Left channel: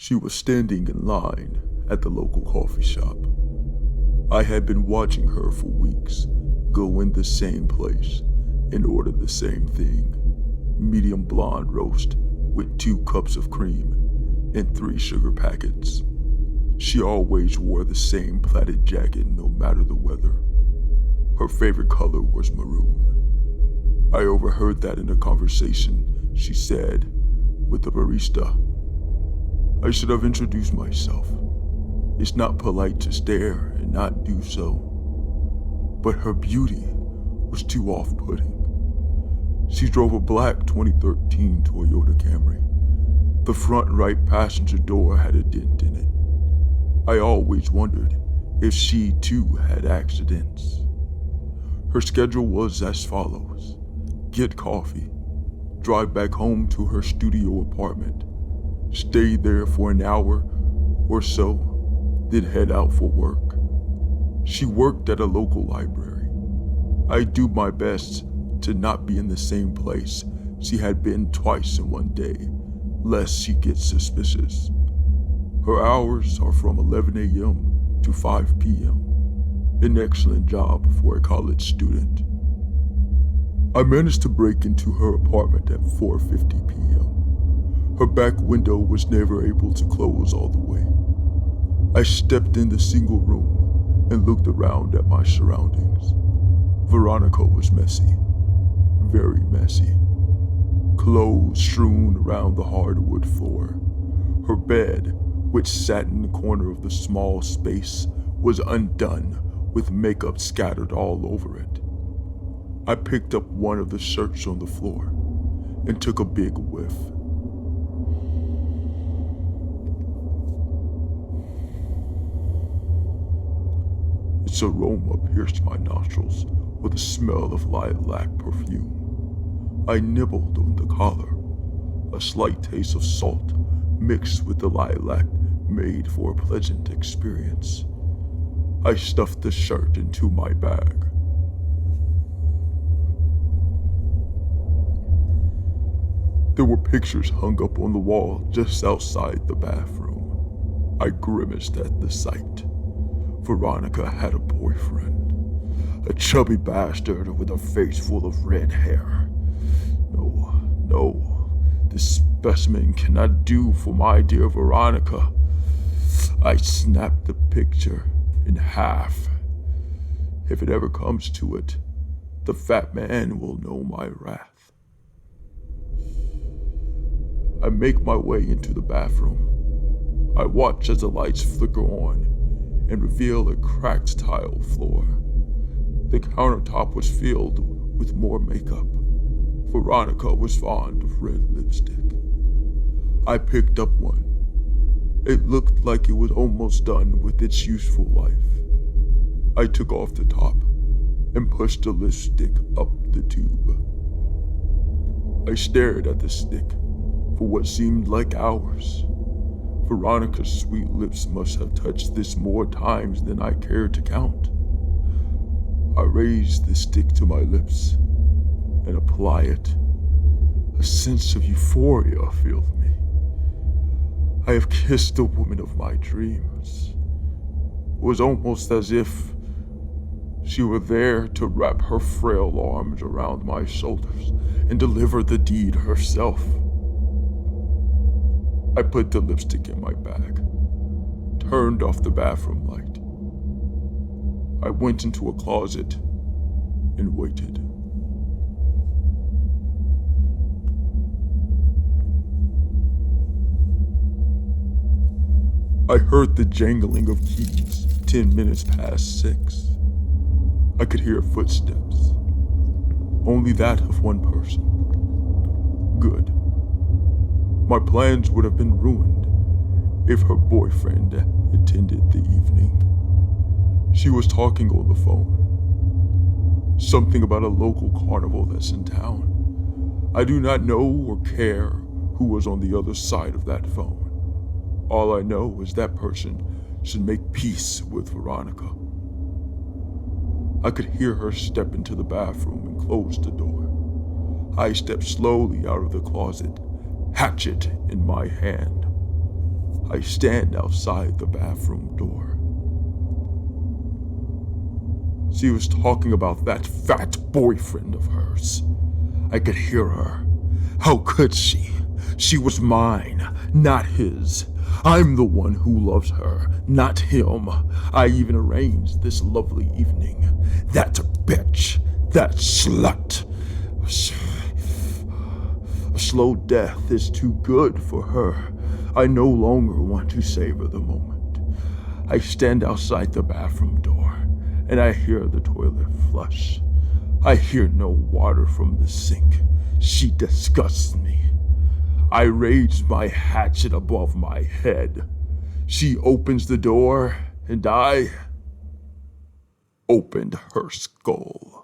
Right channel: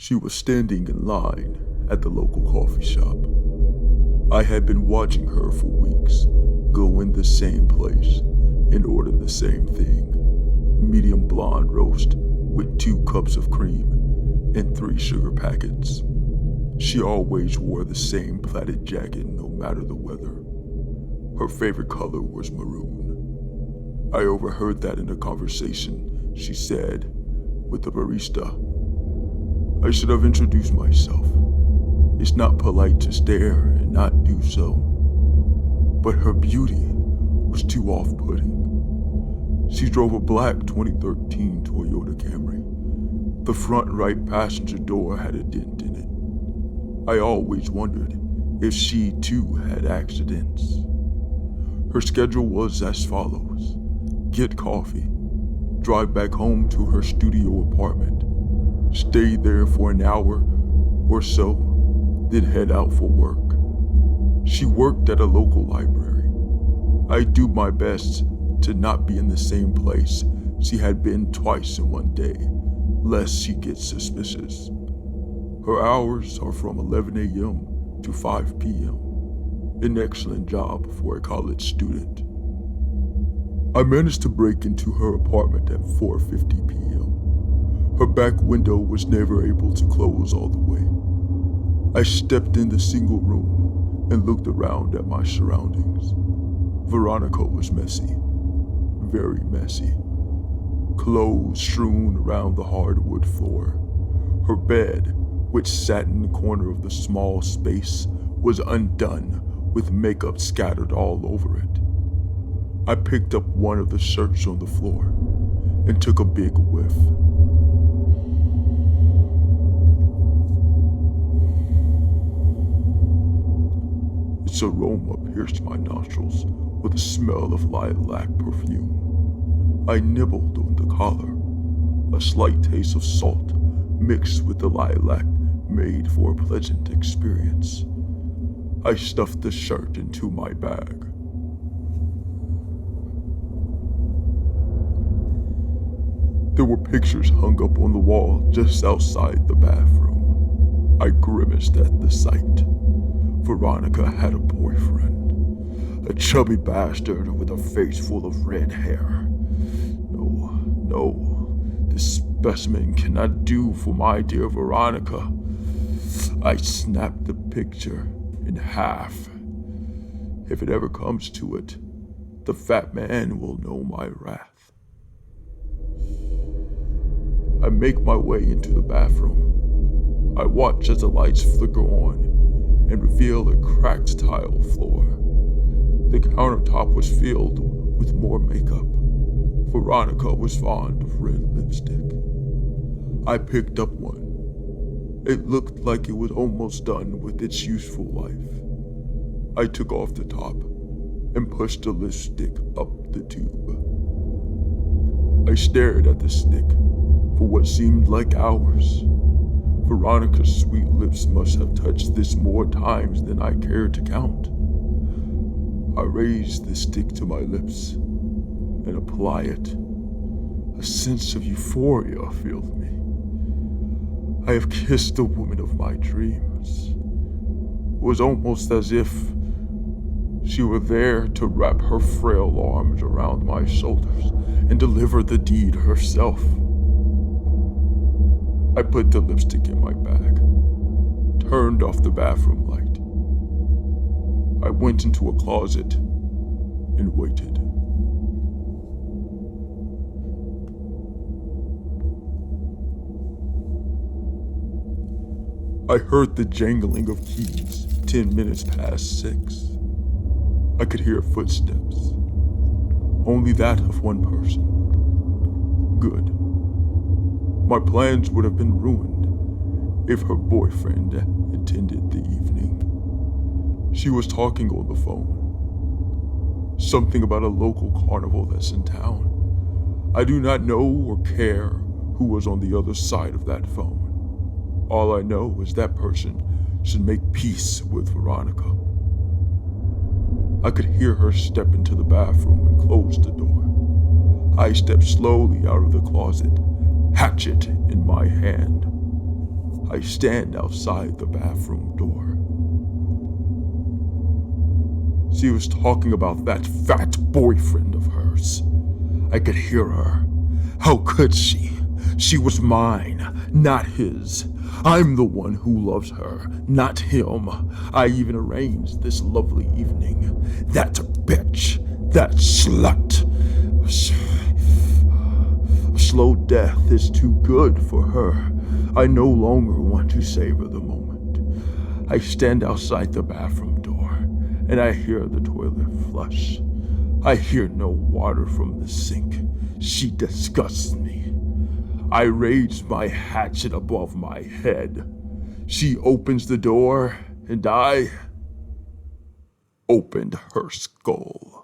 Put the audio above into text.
She was standing in line at the local coffee shop. I had been watching her for weeks go in the same place and order the same thing. Medium blonde roast with 2 cups of cream and 3 sugar packets. She always wore the same plaited jacket no matter the weather. Her favorite color was maroon. I overheard that in a conversation she said with the barista. I should have introduced myself. It's not polite to stare and not do so. But her beauty was too off-putting. She drove a black 2013 Toyota Camry. The front right passenger door had a dent in it. I always wondered if she too had accidents. Her schedule was as follows: get coffee, drive back home to her studio apartment, stay there for an hour or so, then head out for work. She worked at a local library. I do my best to not be in the same place she had been twice in one day, lest she gets suspicious. Her hours are from 11 a.m. to 5 p.m. An excellent job for a college student. I managed to break into her apartment at 4:50 p.m. Her back window was never able to close all the way. I stepped in the single room and looked around at my surroundings. Veronica was messy, very messy. Clothes strewn around the hardwood floor. Her bed, which sat in the corner of the small space, was undone with makeup scattered all over it. I picked up one of the shirts on the floor and took a big whiff. Its aroma pierced my nostrils with the smell of lilac perfume. I nibbled on the collar. A slight taste of salt mixed with the lilac made for a pleasant experience. I stuffed the shirt into my bag. There were pictures hung up on the wall just outside the bathroom. I grimaced at the sight. Veronica had a boyfriend, a chubby bastard with a face full of red hair. No, this specimen cannot do for my dear Veronica. I snapped the picture in half. If it ever comes to it, the fat man will know my wrath. I make my way into the bathroom. I watch as the lights flicker on and reveal a cracked tile floor. The countertop was filled with more makeup. Veronica was fond of red lipstick. I picked up one. It looked like it was almost done with its useful life. I took off the top and pushed the lipstick up the tube. I stared at the stick for what seemed like hours. Veronica's sweet lips must have touched this more times than I cared to count. I raised the stick to my lips and apply it. A sense of euphoria filled me. I have kissed the woman of my dreams. It was almost as if she were there to wrap her frail arms around my shoulders and deliver the deed herself. I put the lipstick in my bag, turned off the bathroom light. I went into a closet and waited. I heard the jangling of keys 10 minutes past 6. I could hear footsteps. Only that of one person. Good. My plans would have been ruined if her boyfriend attended the evening. She was talking on the phone. Something about a local carnival that's in town. I do not know or care who was on the other side of that phone. All I know is that person should make peace with Veronica. I could hear her step into the bathroom and close the door. I stepped slowly out of the closet, hatchet in my hand. I stand outside the bathroom door. She was talking about that fat boyfriend of hers. I could hear her. How could she? She was mine, not his. I'm the one who loves her, not him. I even arranged this lovely evening. That bitch, that slut. A slow death is too good for her. I no longer want to savor the moment. I stand outside the bathroom door, and I hear the toilet flush. I hear no water from the sink. She disgusts me. I raise my hatchet above my head. She opens the door, and I opened her skull.